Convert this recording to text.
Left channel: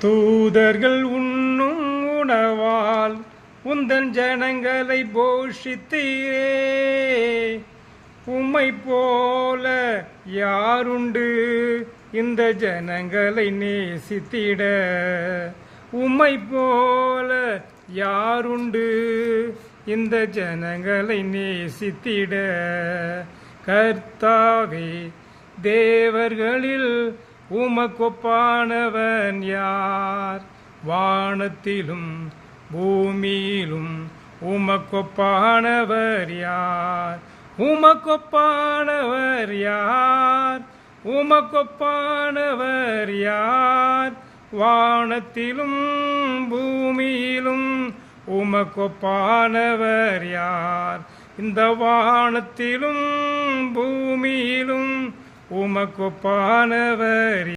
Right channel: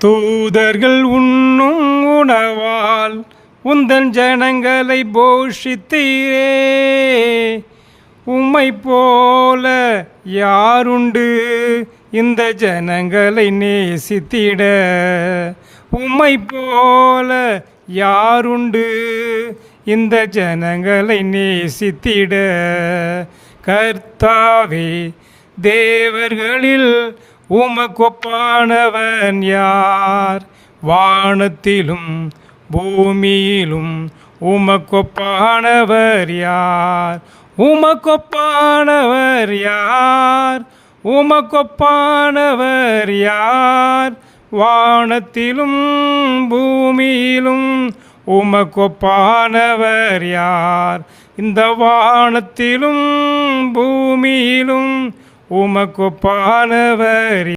தூதர்கள் உண்ணும் உணவால் உந்தன் ஜனங்களை போஷித்தீரே. உம்மை போல யாருண்டு இந்த ஜனங்களை நேசித்திட? உம்மை போல யாருண்டு இந்த ஜனங்களை நேசித்திட? கர்த்தாவே, தேவர்களில் உமக்கொப்பானவன் யார்? வானத்திலும் பூமியிலும் உமக்கொப்பானவர் யார்? உமக்கொப்பானவர் யார்? உமக்கொப்பானவர் யார்? வானத்திலும் பூமியிலும் உமக்கொப்பானவர் யார்? இந்த வானத்திலும் பூமியிலும் உமக்கொப்பானவர்